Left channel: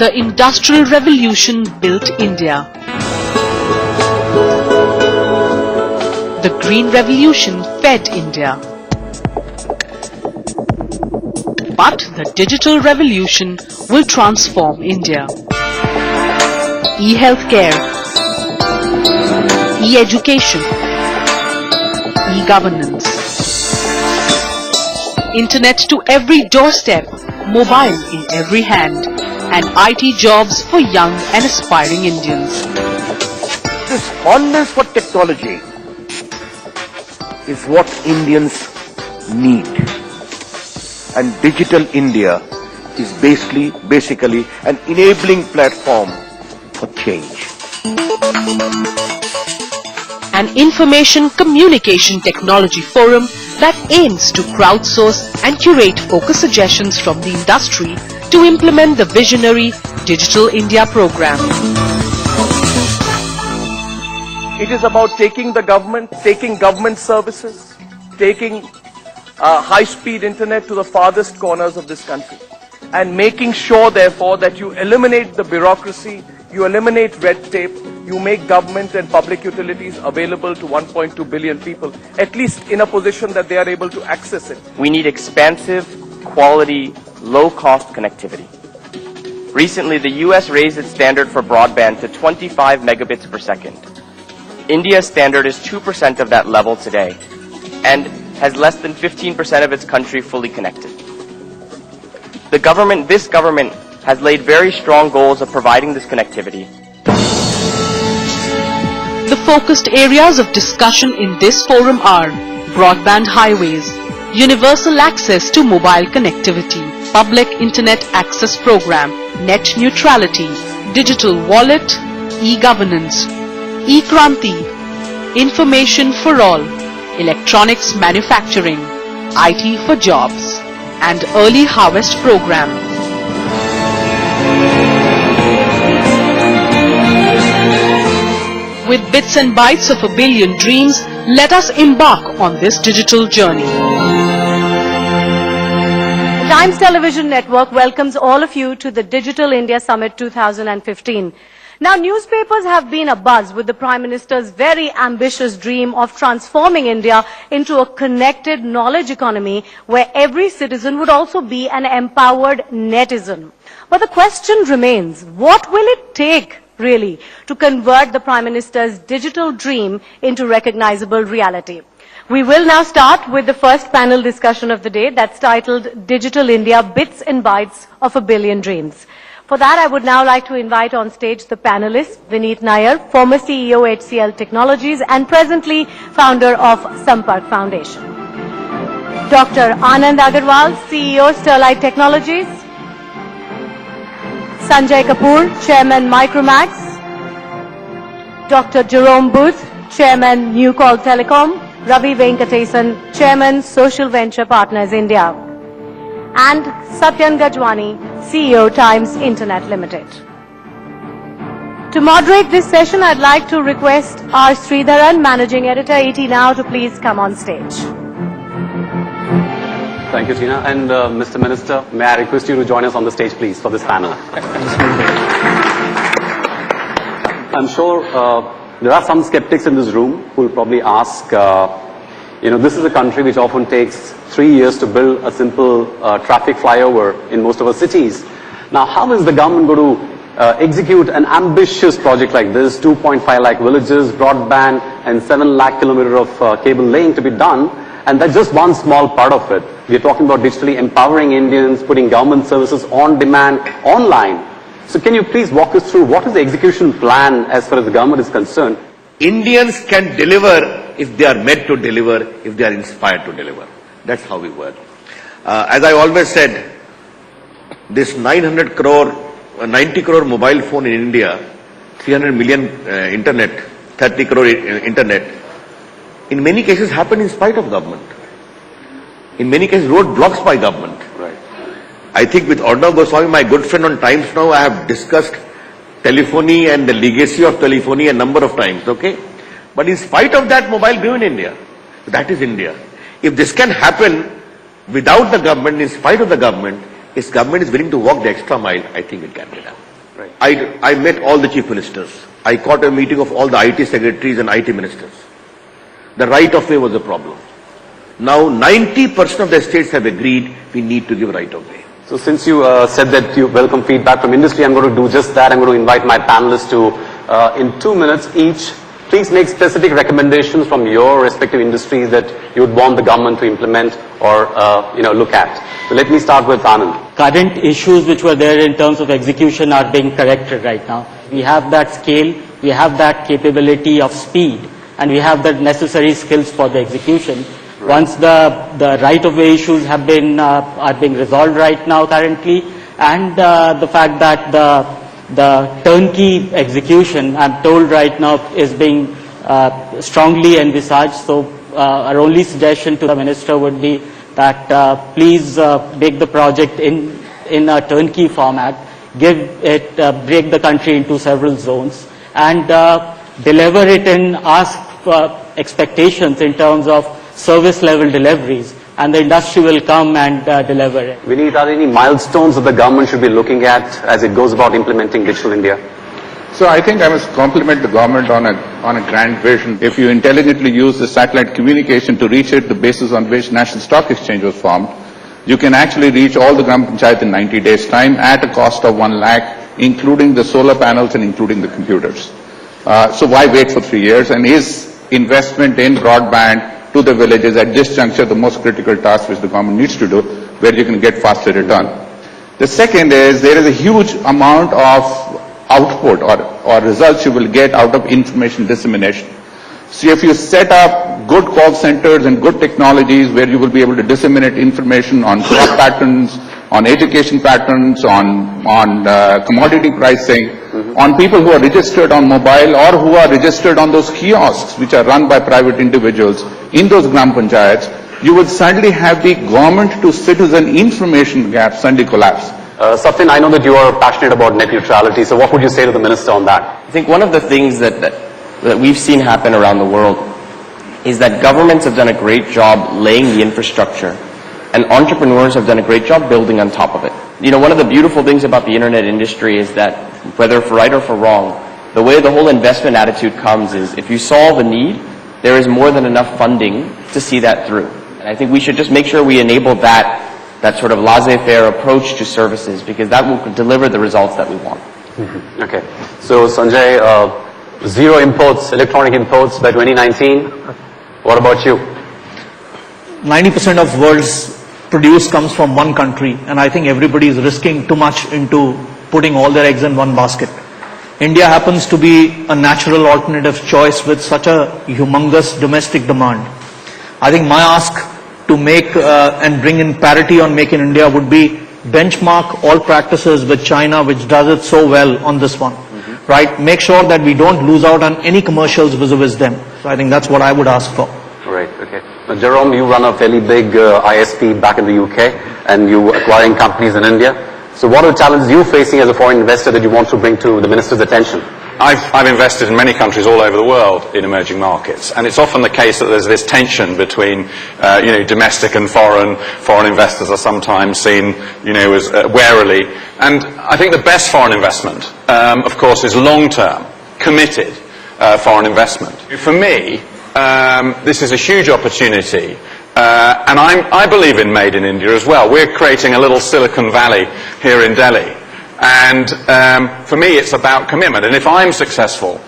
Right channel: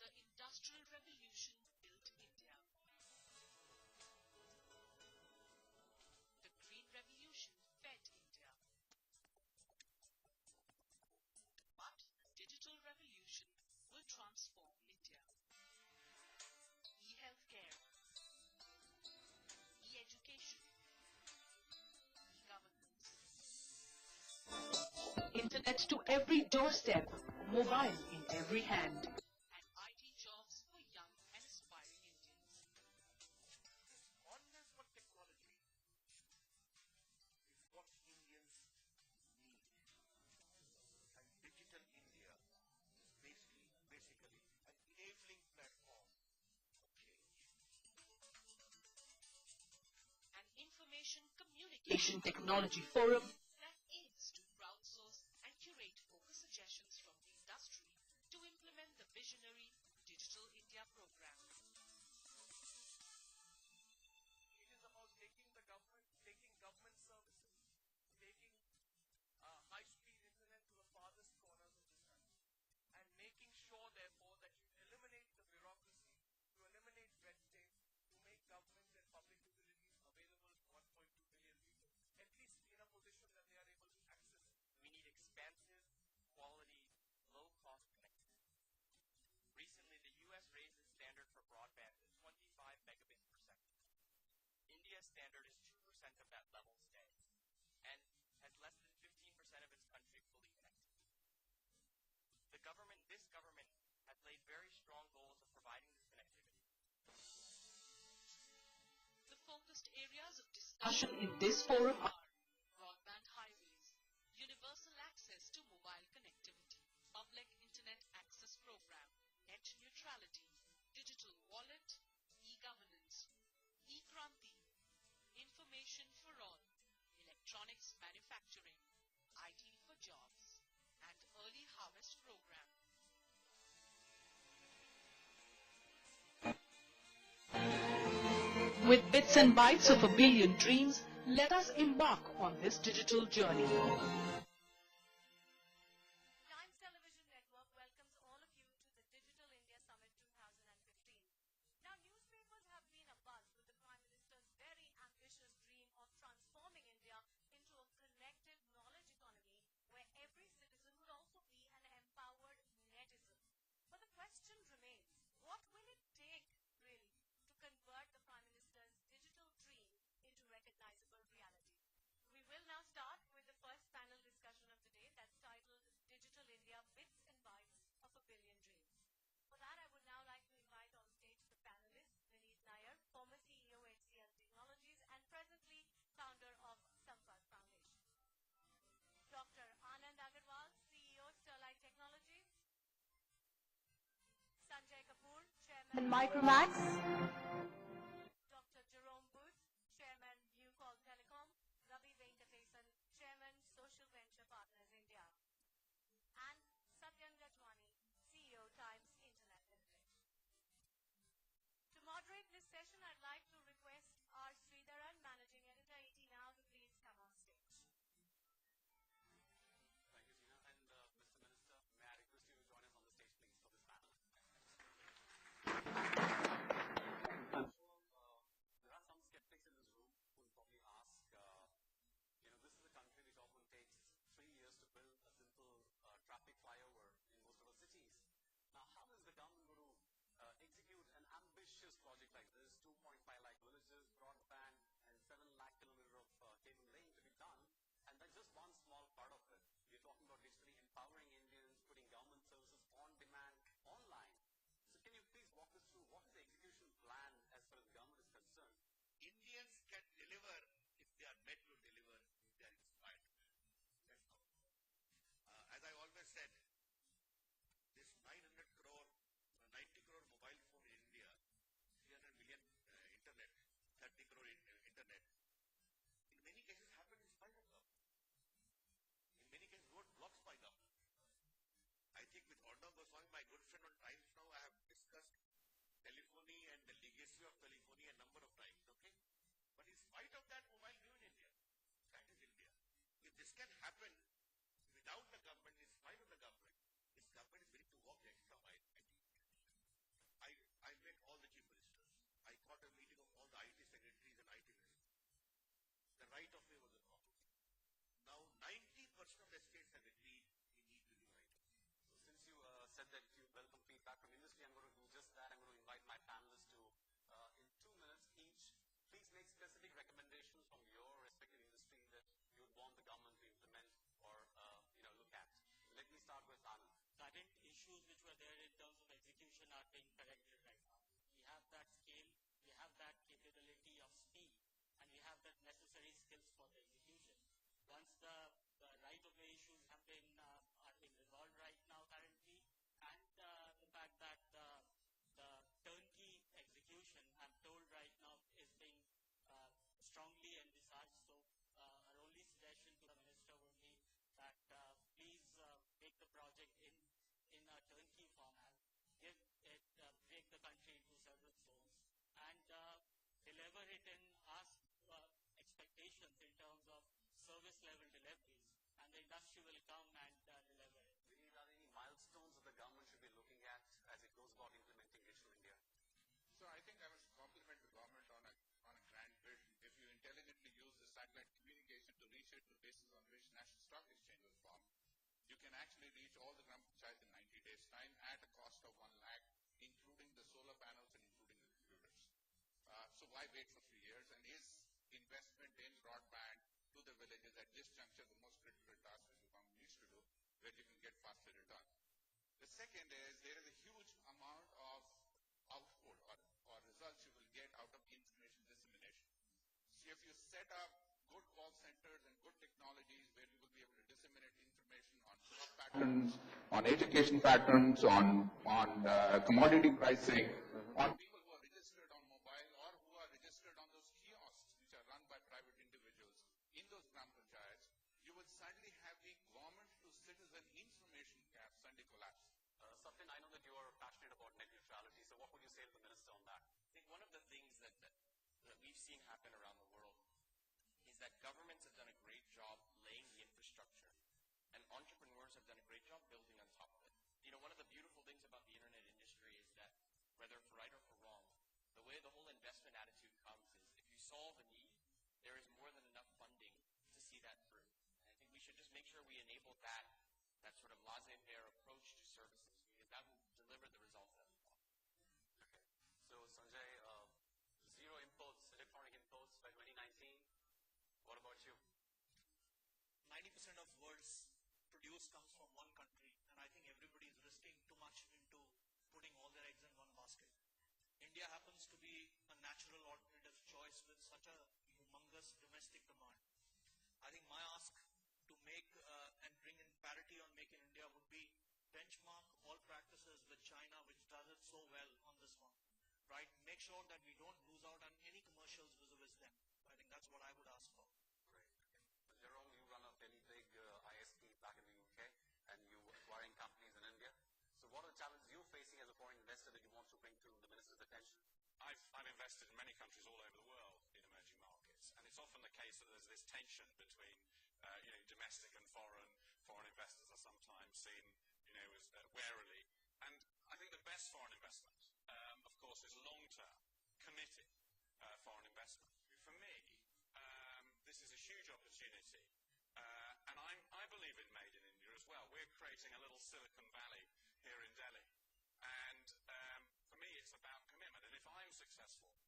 The Industrial Revolution built India. The Green Revolution fed India. But the Digital Revolution will transform India. E-healthcare, e-education, e-governance, Internet to every doorstep, mobile in every hand, and IT jobs for young and aspiring Indians. This fondness for technology is what Indians need. And Digital India is basically an enabling platform for change. An information communication technology forum that aims to crowdsource and curate focus suggestions from the industry to implement the visionary Digital India program. It is about taking government services, taking high-speed internet to the farthest corners of this country, and making sure, therefore, that you eliminate the bureaucracy, you eliminate red tape, you make government and public utilities available to 1.2 billion people, at least in a position that they are able to access it. We need expansive, quality, low-cost connectivity. Recently, the US raised its standard for broadband to 25 megabits per second. India's standard is 2% of that level today, and has less than 15% of its country fully connected. This government has laid very strong goals of providing this connectivity. The focused areas of discussion in this forum are broadband highways, universal access to mobile connectivity, public internet access program, net neutrality, digital wallet, e-governance, e-Kranti, information for all, electronics manufacturing, IT for jobs, and early harvest program. With bits and bytes of a billion dreams, let us embark on this digital journey. The Times Television Network welcomes all of you to the Digital India Summit 2015. Now, newspapers have been abuzz with the Prime Minister's very ambitious dream of transforming India into a connected knowledge economy where every citizen would also be an empowered netizen. But the question remains, what will it take, really, to convert the Prime Minister's digital dream into recognizable reality? We will now start with the first panel discussion of the day that's titled Digital India Bits and Bytes of a Billion Dreams. For that, I would now like to invite on stage the panelists, Vineet Nair, former CEO HCL Technologies and presently founder of Sampark Foundation. Dr. Anand Agarwal, CEO Sterlite Technologies. Sanjay Kapoor, Chairman MicroMax. Dr. Jerome Booth, Chairman New Call Telecom. Ravi Venkatesan, Chairman Social Venture Partners India. And Satyan Gajwani, CEO Times Internet Limited. To moderate this session, I'd like to request R. Sridharan, Managing Editor, TimesNow, to please come on stage. Thank you, Tina. And Mr. Minister, may I request you to join us on the stage, please, for this panel. I'm sure there are some skeptics in this room who will probably ask, this is a country which often takes 3 years to build a simple traffic flyover in most of our cities. Now, how is the government going to execute an ambitious project like this, 2.5 lakh villages, broadband, and 7 lakh kilometers of cable laying to be done? And that's just one small part of it. We're talking about digitally empowering Indians, putting government services on demand, online. So can you please walk us through what is the execution plan as far as the government is concerned? Indians can deliver if they are meant to deliver, if they are inspired to deliver. That's how we work. As I always said, this 90 crore mobile phone in India, 300 million internet, 30 crore internet, in many cases happened in spite of government. In many cases roadblocks by government. Right. I think with Arnav Goswami, my good friend on TimesNow, I have discussed telephony and the legacy of telephony a number of times, okay? But in spite of that, mobile grew in India. That is India. If this can happen without the government, in spite of the government, if government is willing to walk the extra mile, I think it can be done. Right. I met all the chief ministers. I caught a meeting of all the IT secretaries and IT ministers. The right of way was a problem. Now 90% of the states have agreed we need to give right of way. So since you said that you welcome feedback from industry, I'm going to do just that. I'm going to invite my panelists to, in 2 minutes each, please make specific recommendations from your respective industries that you would want the government to implement or look at. So let me start with Anand. Current issues which were there in terms of execution are being corrected right now. We have that scale, we have that capability of speed, and we have the necessary skills for the execution. Once the right-of-way issues have been are being resolved right now currently, and the fact that the turnkey execution, I'm told right now, is being strongly envisaged. So our only suggestion to the minister would be that please make the project in a turnkey format, break the country into several zones, and deliver it and ask for expectations in terms of service level deliveries, and the industry will come and deliver it. Vineet, are there any milestones that the government should be looking at as it goes about implementing Digital India? So I think I must compliment the government on a grand vision. If you intelligently use the satellite communication to reach it, the basis on which National Stock Exchange was formed, you can actually reach all the Gram Panchayat in 90 days' time at a cost of 1 lakh, including the solar panels and including the computers. So why wait for 3 years? And is investment in broadband to the villages at this juncture the most critical task which the government needs to do, where you can get faster return? The second is there is a huge amount of output or results you will get out of information dissemination. So if you set up good call centers and good technologies where you will be able to disseminate information on crop patterns, on education patterns, on commodity pricing, on people who are registered on mobile or who are registered on those kiosks which are run by private individuals in those Gram Panchayats, you would suddenly have the government to citizen information gap suddenly collapse. Satyan, I know that you are passionate about net neutrality, so what would you say to the minister on that? I think one of the things that we've seen happen around the world is that governments have done a great job laying the infrastructure, and entrepreneurs have done a great job building on top of it. You know, one of the beautiful things about the internet industry is that, whether for right or for wrong, the way the whole investment attitude comes is if you solve a need, there is more than enough funding to see that through. And I think we should just make sure we enable that sort of laissez-faire approach to services, because that will deliver the results that we want. Okay. So Sanjay, zero imports, electronic imports by 2019. What about you? 90% of world's produce comes from one country, and I think everybody is risking too much into putting all their eggs in one basket. India happens to be a natural alternative choice with such a humongous domestic demand. I think my ask to make and bring in parity on Make in India would be benchmark all practices with China, which does it so well on this one. Right? Make sure that we don't lose out on any commercials vis-a-vis them. So I think that's what I would ask for. Right, okay. Now, Jerome, you run a fairly big ISP back in the UK, and you acquiring companies in India. So what are the challenges you're facing as a foreign investor that you want to bring to the minister's attention? I've invested in many countries all over the world in emerging markets, and it's often the case that there's this tension between, domestic and foreign investors are sometimes seen, as warily. And I think the best foreign investment, of course, is long-term, committed foreign investment. For me, this is a huge opportunity. And I believe in Made in India as well. We're creating a little Silicon Valley here in Delhi. And for me, it's about commitment. And if I'm successful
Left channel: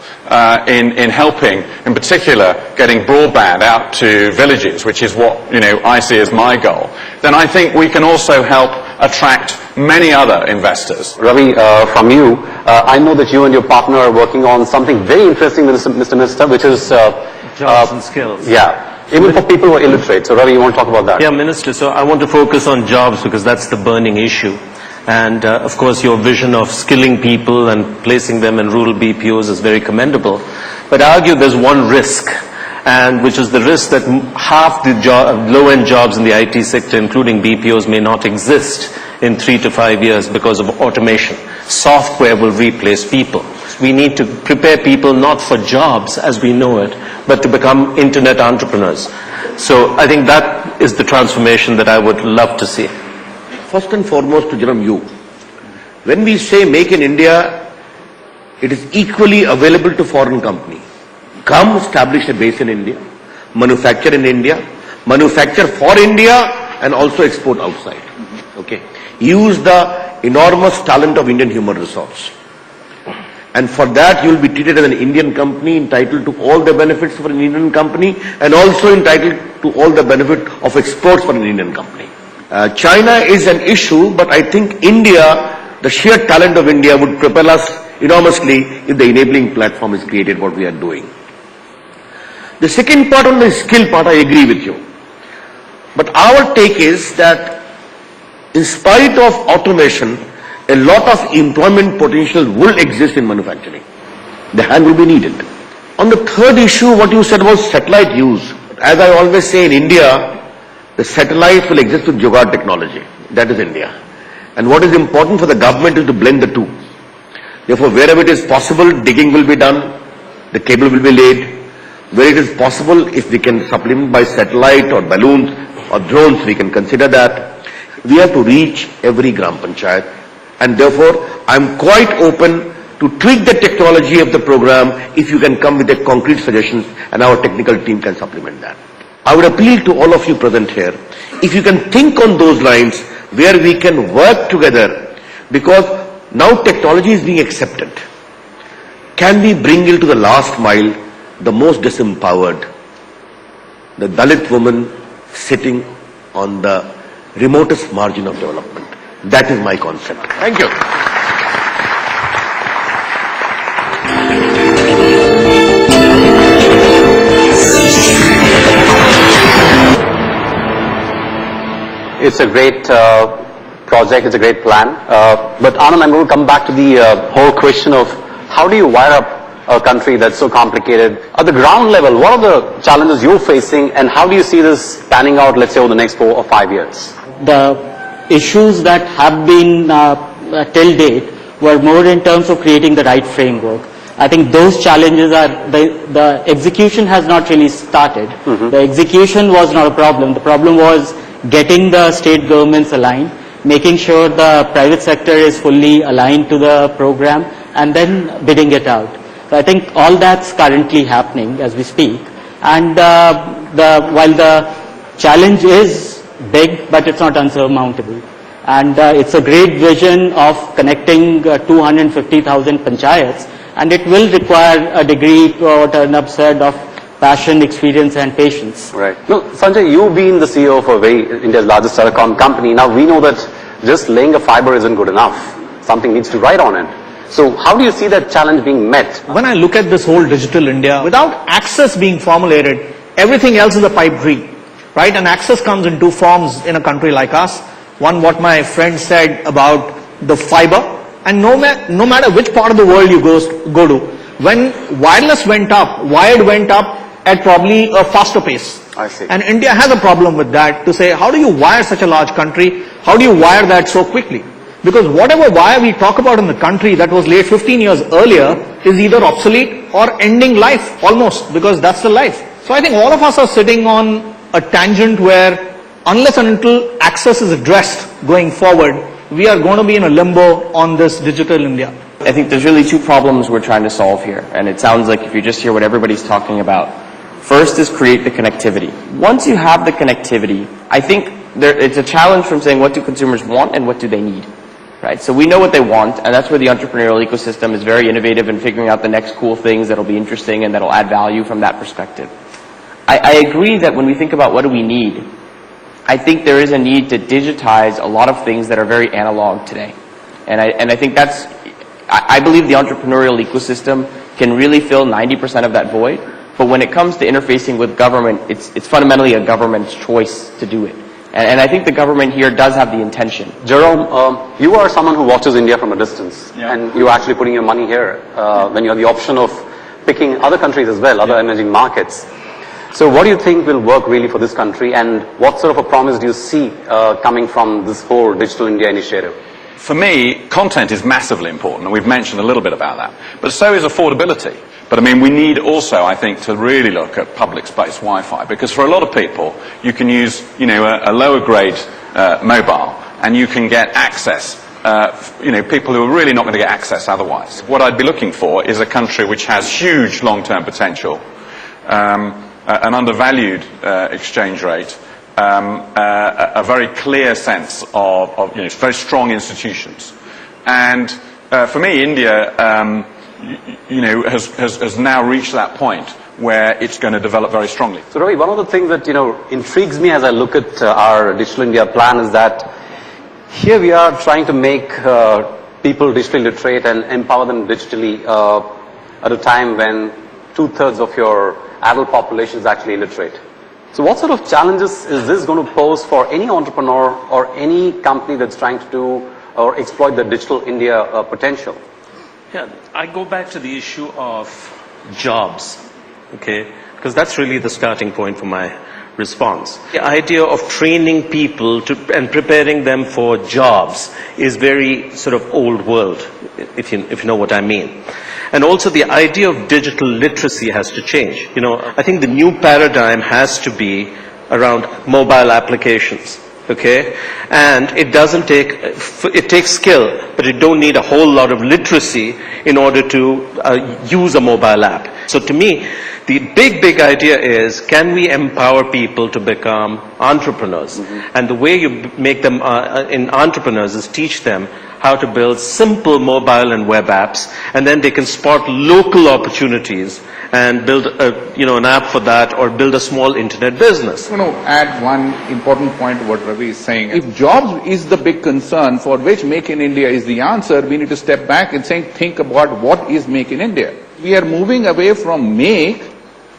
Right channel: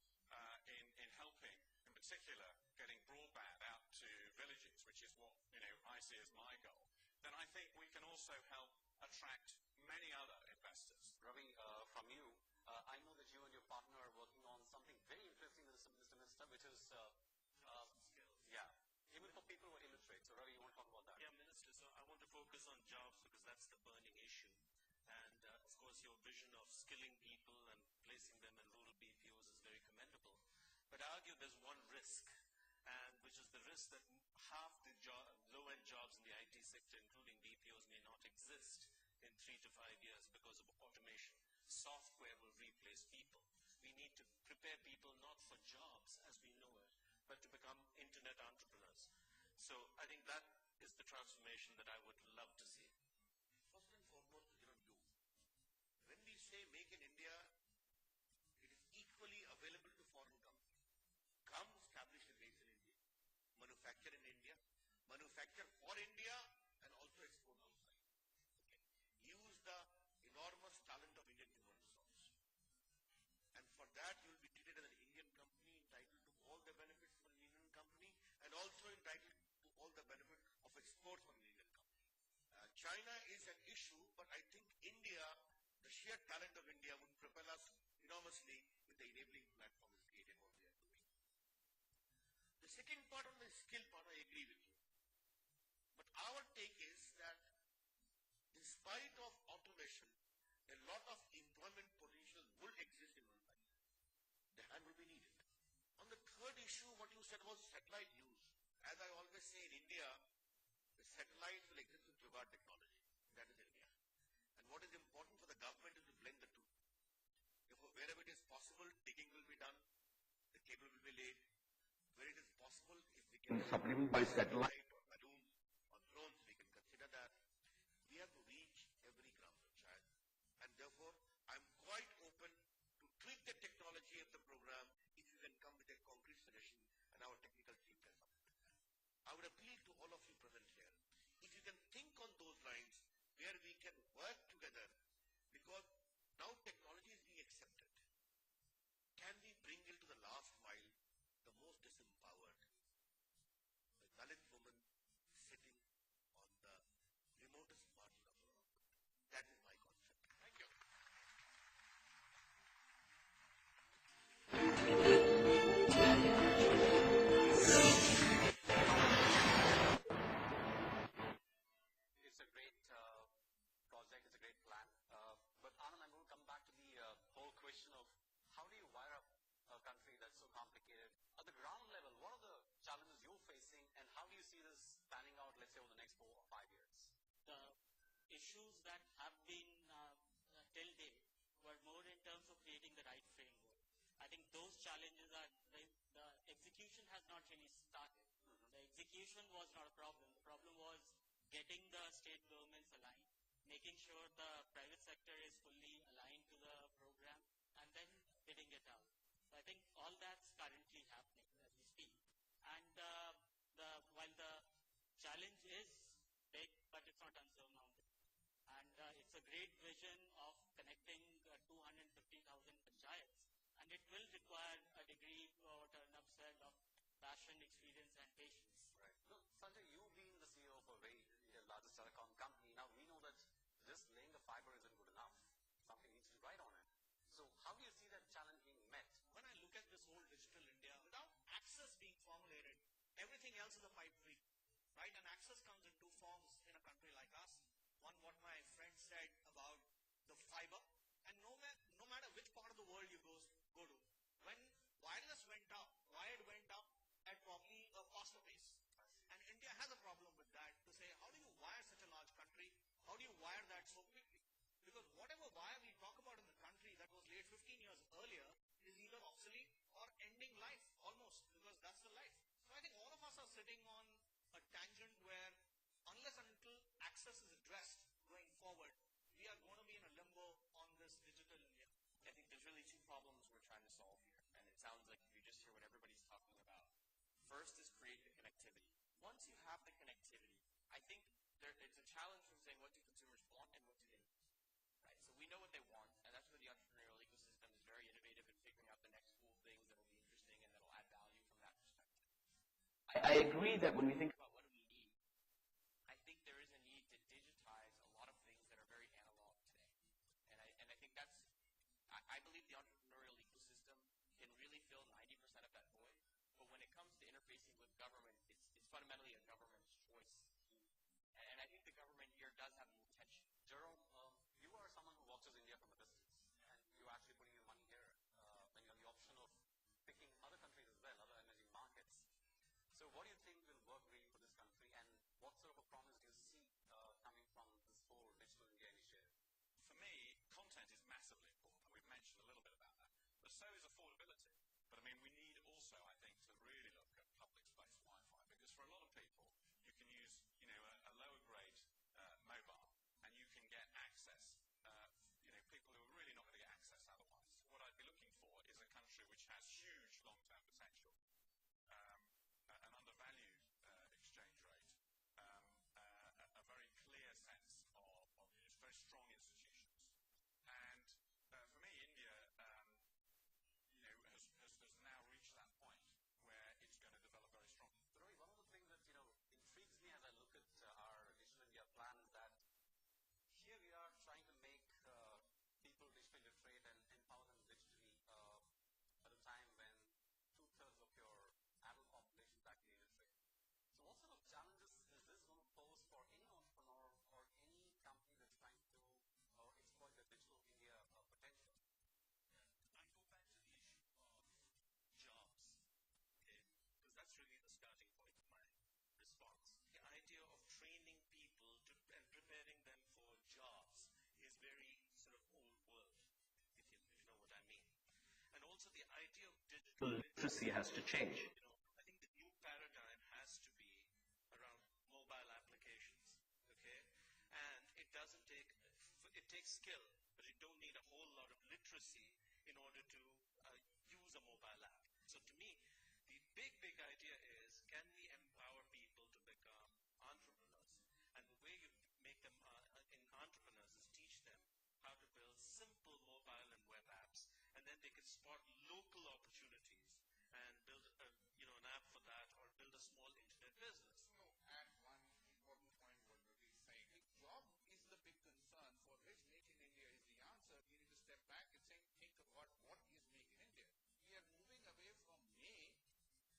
in helping, in particular, getting broadband out to villages, which is what I see as my goal, then I think we can also help attract many other investors. Ravi, from you, I know that you and your partner are working on something very interesting, Mr. Minister, which is jobs and skills. Yeah. Even for people who are illiterate. So, Ravi, you want to talk about that? Yeah, Minister, so I want to focus on jobs because that's the burning issue. And, of course, your vision of skilling people and placing them in rural BPOs is very commendable. But I argue there's one risk, and which is the risk that half the low-end jobs in the IT sector, including BPOs, may not exist in 3 to 5 years because of automation. Software will replace people. We need to prepare people not for jobs as we know it, but to become internet entrepreneurs. So I think that is the transformation that I would love to see. First and foremost to Jerome, you. When we say make in India, it is equally available to foreign company. Come establish a base in India, manufacture in India, manufacture for India and also export outside. Okay. Use the enormous talent of Indian human resource. And for that you will be treated as an Indian company, entitled to all the benefits for an Indian company and also entitled to all the benefit of exports for an Indian company. China is an issue, but I think India, the sheer talent of India would propel us enormously if the enabling platform is created, what we are doing. The second part, on the skill part, I agree with you. But our take is that in spite of automation, a lot of employment potential will exist in manufacturing. The hand will be needed. On the third issue, what you said was satellite use. As I always say, in India, the satellites will exist with jugaad technology. That is India. And what is important for the government is to blend the two. Therefore, wherever it is possible, digging will be done, the cable will be laid. Where it is possible, if we can supplement by satellite or balloons or drones, we can consider that. We have to reach every Gram Panchayat, and therefore I am quite open to tweak the technology of the program if you can come with the concrete suggestions and our technical team can supplement that. I would appeal to all of you present here, if you can think on those lines where we can work together, because now technology is being accepted. Can we bring it to the last mile, the most disempowered, the Dalit woman sitting on the remotest margin of development? That is my concept. Thank you. It's a great project, it's a great plan. But Anand, I'm going to come back to the whole question of how do you wire up a country that's so complicated? At the ground level, what are the challenges you're facing and how do you see this panning out, let's say, over the next 4 or 5 years? The issues that have been till date were more in terms of creating the right framework. I think those challenges are, the execution has not really started. The execution was not a problem. The problem was getting the state governments aligned, making sure the private sector is fully aligned to the program, and then bidding it out. So I think all that's currently happening as we speak. And while the challenge is big, but it's not unsurmountable. And it's a great vision of connecting 250,000 panchayats, and it will require a degree, what Arnab said, of passion, experience and patience. Right. No, Sanjay, you've been the CEO of India's largest telecom company. Now we know that just laying a fiber isn't good enough. Something needs to ride on it. So how do you see that challenge being met? When I look at this whole digital India, without access being formulated, everything else is a pipe dream, right? And access comes in two forms in a country like us. One, what my friend said about the fiber, and no matter which part of the world you go to, when wireless went up, wired went up at probably a faster pace. I see. And India has a problem with that, to say, how do you wire such a large country? How do you wire that so quickly? Because whatever wire we talk about in the country that was laid 15 years earlier is either obsolete or ending life almost, because that's the life. So I think all of us are sitting on a tangent where unless and until access is addressed going forward, we are going to be in a limbo on this digital India. I think there's really two problems we're trying to solve here, and it sounds like if you just hear what everybody's talking about. First is create the connectivity. Once you have the connectivity, I think it's a challenge from saying what do consumers want and what do they need, right? So we know what they want, and that's where the entrepreneurial ecosystem is very innovative in figuring out the next cool things that'll be interesting and that'll add value from that perspective. I agree that when we think about what do we need, I think there is a need to digitize a lot of things that are very analog today. And I think that's, I believe the entrepreneurial ecosystem can really fill 90% of that void. But when it comes to interfacing with government, it's fundamentally a government's choice to do it. And I think the government here does have the intention. Jerome, you are someone who watches India from a distance, and you're actually putting your money here when you have the option of picking other countries as well, other emerging markets. So what do you think will work really for this country, and what sort of a promise do you see coming from this whole Digital India initiative? For me, content is massively important, and we've mentioned a little bit about that. But so is affordability. But I mean, we need also, I think, to really look at public space Wi-Fi, because for a lot of people, you can use, you know, a lower grade mobile, and you can get access. You know, people who are really not going to get access otherwise. What I'd be looking for is a country which has huge long-term potential, an undervalued exchange rate, a very clear sense of you know, very strong institutions. And for me, India, you know, has now reached that point where it's going to develop very strongly. So Ravi, one of the things that, you know, intrigues me as I look at our Digital India plan is that here we are trying to make people digitally literate and empower them digitally at a time when 2/3 of your adult population is actually illiterate. So what sort of challenges is this going to pose for any entrepreneur or any company that's trying to do or exploit the Digital India potential? Yeah, I go back to the issue of jobs, okay, because that's really the starting point for my response. The idea of training people and preparing them for jobs is very sort of old world, if you know what I mean. And also the idea of digital literacy has to change. You know, I think the new paradigm has to be around mobile applications. Okay, and it takes skill, but it don't need a whole lot of literacy in order to use a mobile app. So to me, the big idea is, can we empower people to become entrepreneurs? And the way you make them in entrepreneurs is teach them how to build simple mobile and web apps, and then they can spot local opportunities and build an app for that, or build a small internet business. I want to add one important point to what Ravi is saying. If jobs is the big concern for which Make in India is the answer, we need to step back and think about what is Make in India. We are moving away from make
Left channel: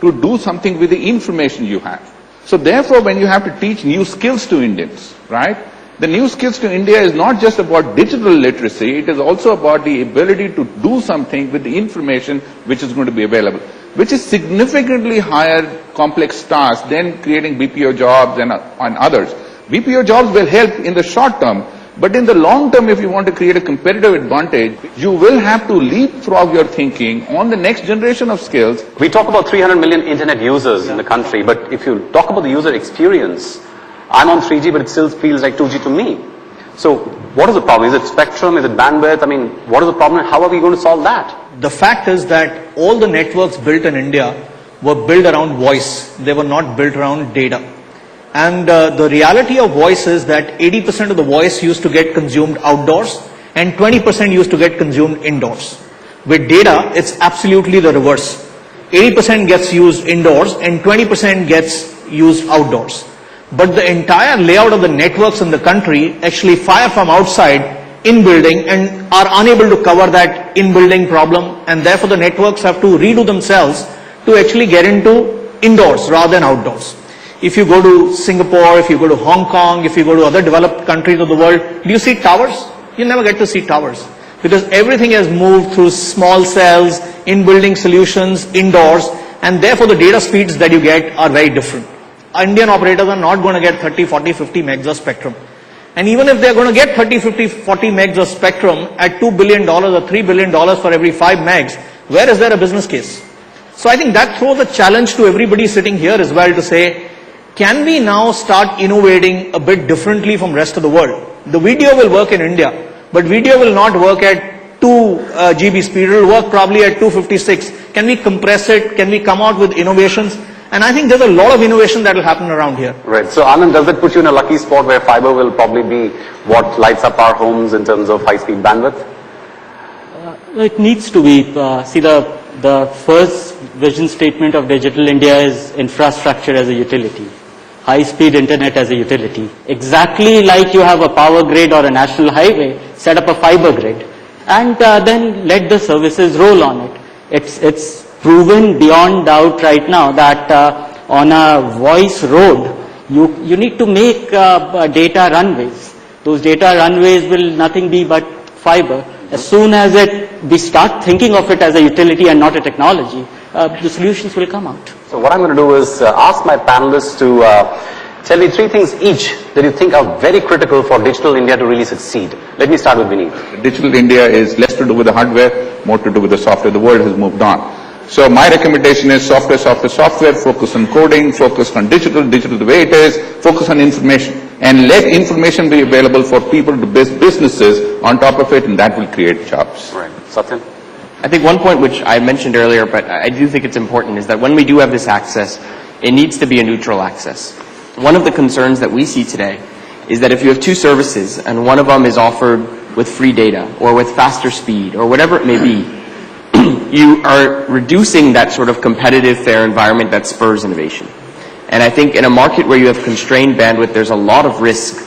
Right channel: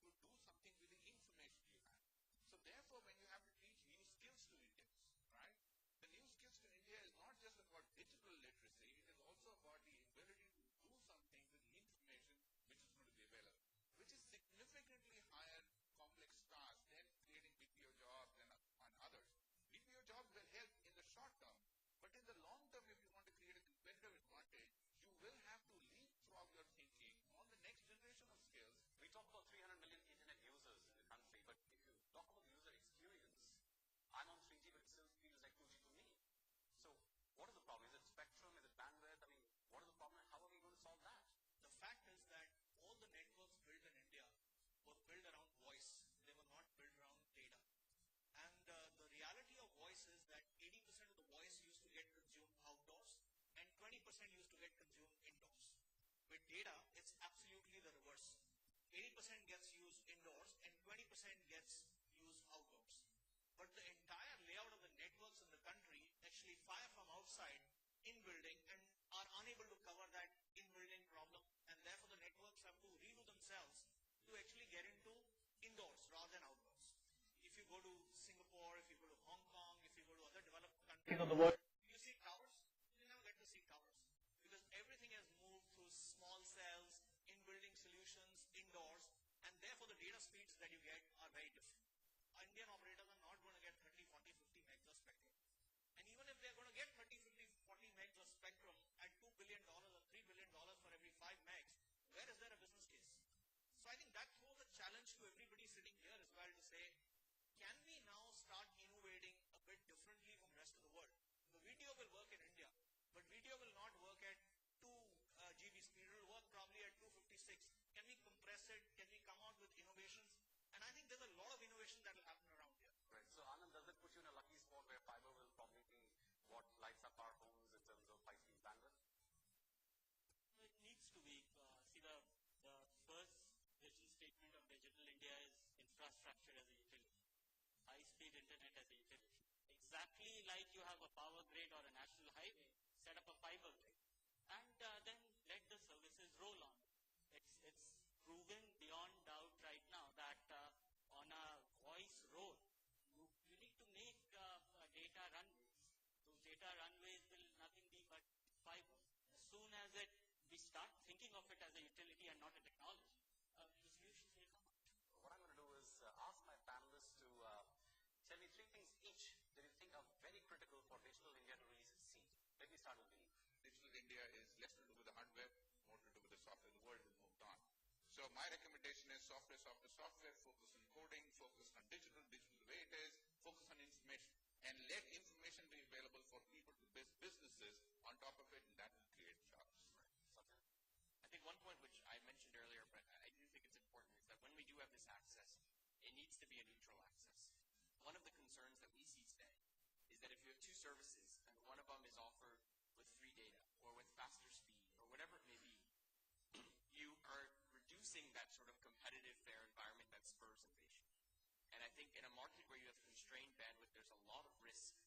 to do something with the information you have. So therefore, when you have to teach new skills to Indians, right? The new skills to India is not just about digital literacy, it is also about the ability to do something with the information which is going to be available, which is significantly higher complex task than creating BPO jobs and others. BPO jobs will help in the short term, but in the long term, if you want to create a competitive advantage, you will have to leapfrog your thinking on the next generation of skills. We talk about 300 million internet users in the country, but if you talk about the user experience, I'm on 3G, but it still feels like 2G to me. So what is the problem? Is it spectrum? Is it bandwidth? I mean, what is the problem and how are we going to solve that? The fact is that all the networks built in India were built around voice. They were not built around data. And the reality of voice is that 80% of the voice used to get consumed outdoors and 20% used to get consumed indoors. With data, it's absolutely the reverse. 80% gets used indoors and 20% gets used outdoors. But the entire layout of the networks in the country actually fire from outside in building and are unable to cover that in building problem, and therefore the networks have to redo themselves to actually get into indoors rather than outdoors. If you go to Singapore, if you go to Hong Kong, if you go to other developed countries of the world, do you see towers? You never get to see towers because everything has moved through small cells, in building solutions, indoors, and therefore the data speeds that you get are very different. Indian operators are not going to get 30, 40, 50 megs of spectrum. And even if they're going to get 30, 50, 40 megs of spectrum at $2 billion or $3 billion for every 5 megs, where is there a business case? So I think that throws a challenge to everybody sitting here as well to say, can we now start innovating a bit differently from the rest of the world? The video will work in India, but video will not work at 2 GB speed. It will work probably at 256. Can we compress it? Can we come out with innovations? And I think there's a lot of innovation that will happen around here. Right. So Anand, does that put you in a lucky spot where fiber will probably be what lights up our homes in terms of high-speed bandwidth? It needs to be. See, the first vision statement of Digital India is infrastructure as a utility. High-speed internet as a utility. Exactly like you have a power grid or a national highway, set up a fiber grid and then let the services roll on it. It's proven beyond doubt right now that on a voice road, you need to make data runways. Those data runways will nothing be but fiber, As soon as we start thinking of it as a utility and not a technology, the solutions will come out. So what I'm going to do is ask my panelists to tell me 3 things each that you think are very critical for Digital India to really succeed. Let me start with Vineet. Digital India is less to do with the hardware, more to do with the software. The world has moved on. So my recommendation is software, focus on coding, focus on digital the way it is, focus on information. And let information be available for people to build businesses on top of it, and that will create jobs. Right. Satyan? I think one point which I mentioned earlier, but I do think it's important, is that when we do have this access, it needs to be a neutral access. One of the concerns that we see today is that if you have 2 services and one of them is offered with free data or with faster speed or whatever it may be, you are reducing that sort of competitive, fair environment that spurs innovation. And I think in a market where you have constrained bandwidth, there's a lot of risk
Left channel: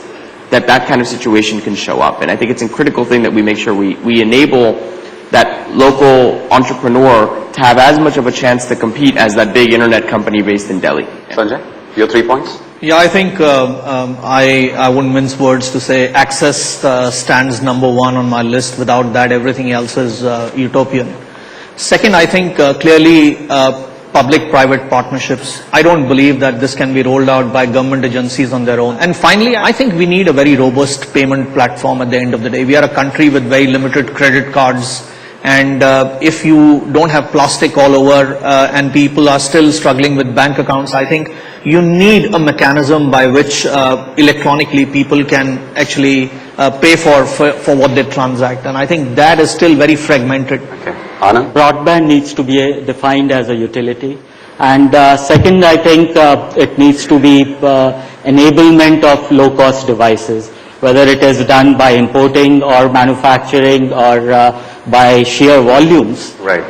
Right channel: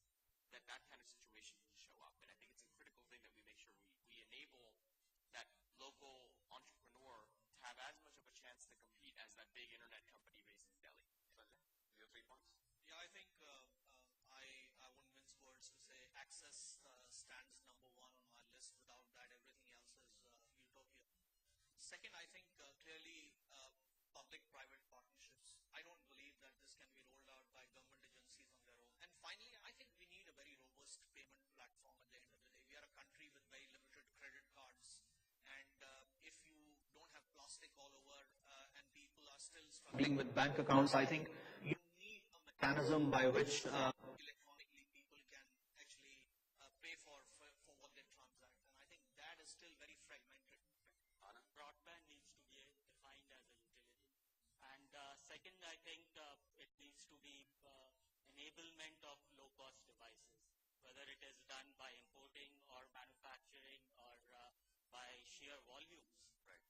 that that kind of situation can show up. And I think it's a critical thing that we make sure we enable that local entrepreneur to have as much of a chance to compete as that big internet company based in Delhi. Sanjay, your 3 points? Yeah, I think I wouldn't mince words to say access stands number 1 on my list. Without that, everything else is utopian. Second, I think clearly public-private partnerships. I don't believe that this can be rolled out by government agencies on their own. And finally, I think we need a very robust payment platform at the end of the day. We are a country with very limited credit cards. And if you don't have plastic all over and people are still struggling with bank accounts, I think you need a mechanism by which electronically people can actually pay for what they transact. And I think that is still very fragmented. Okay. Anand? Broadband needs to be defined as a utility. And second, I think it needs to be enablement of low-cost devices, whether it is done by importing or manufacturing or by sheer volumes. Right.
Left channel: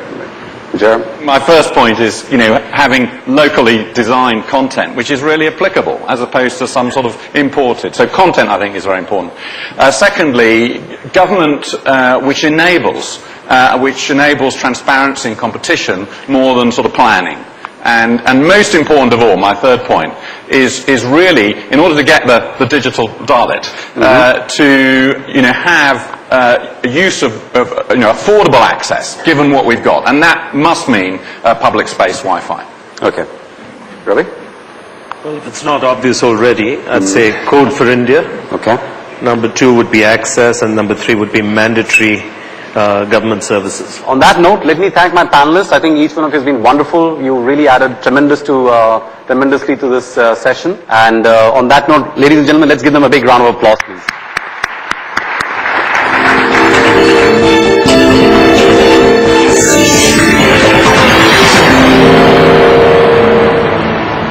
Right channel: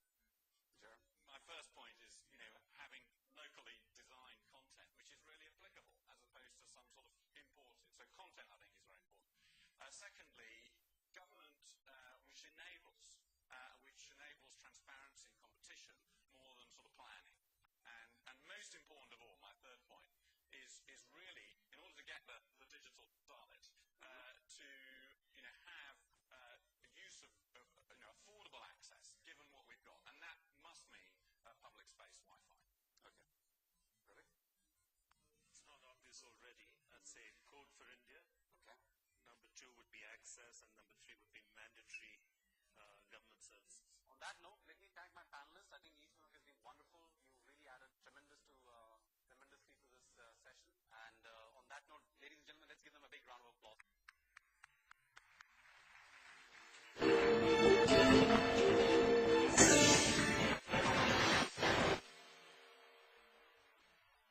Jeremy? My first point is, having locally designed content, which is really applicable, as opposed to some sort of imported. So content, I think, is very important. Secondly, government which enables transparency and competition more than sort of planning. And most important of all, my third point, is really, in order to get the digital Dalit, to have use of affordable access, given what we've got. And that must mean public space Wi-Fi. Okay. Ravi? Well, if it's not obvious already, I'd say Code for India. Okay. Number 2 would be access, and number 3 would be mandatory government services. On that note, let me thank my panelists. I think each one of you has been wonderful. You really added tremendously to this session. And on that note, ladies and gentlemen, let's give them a big round of applause, please.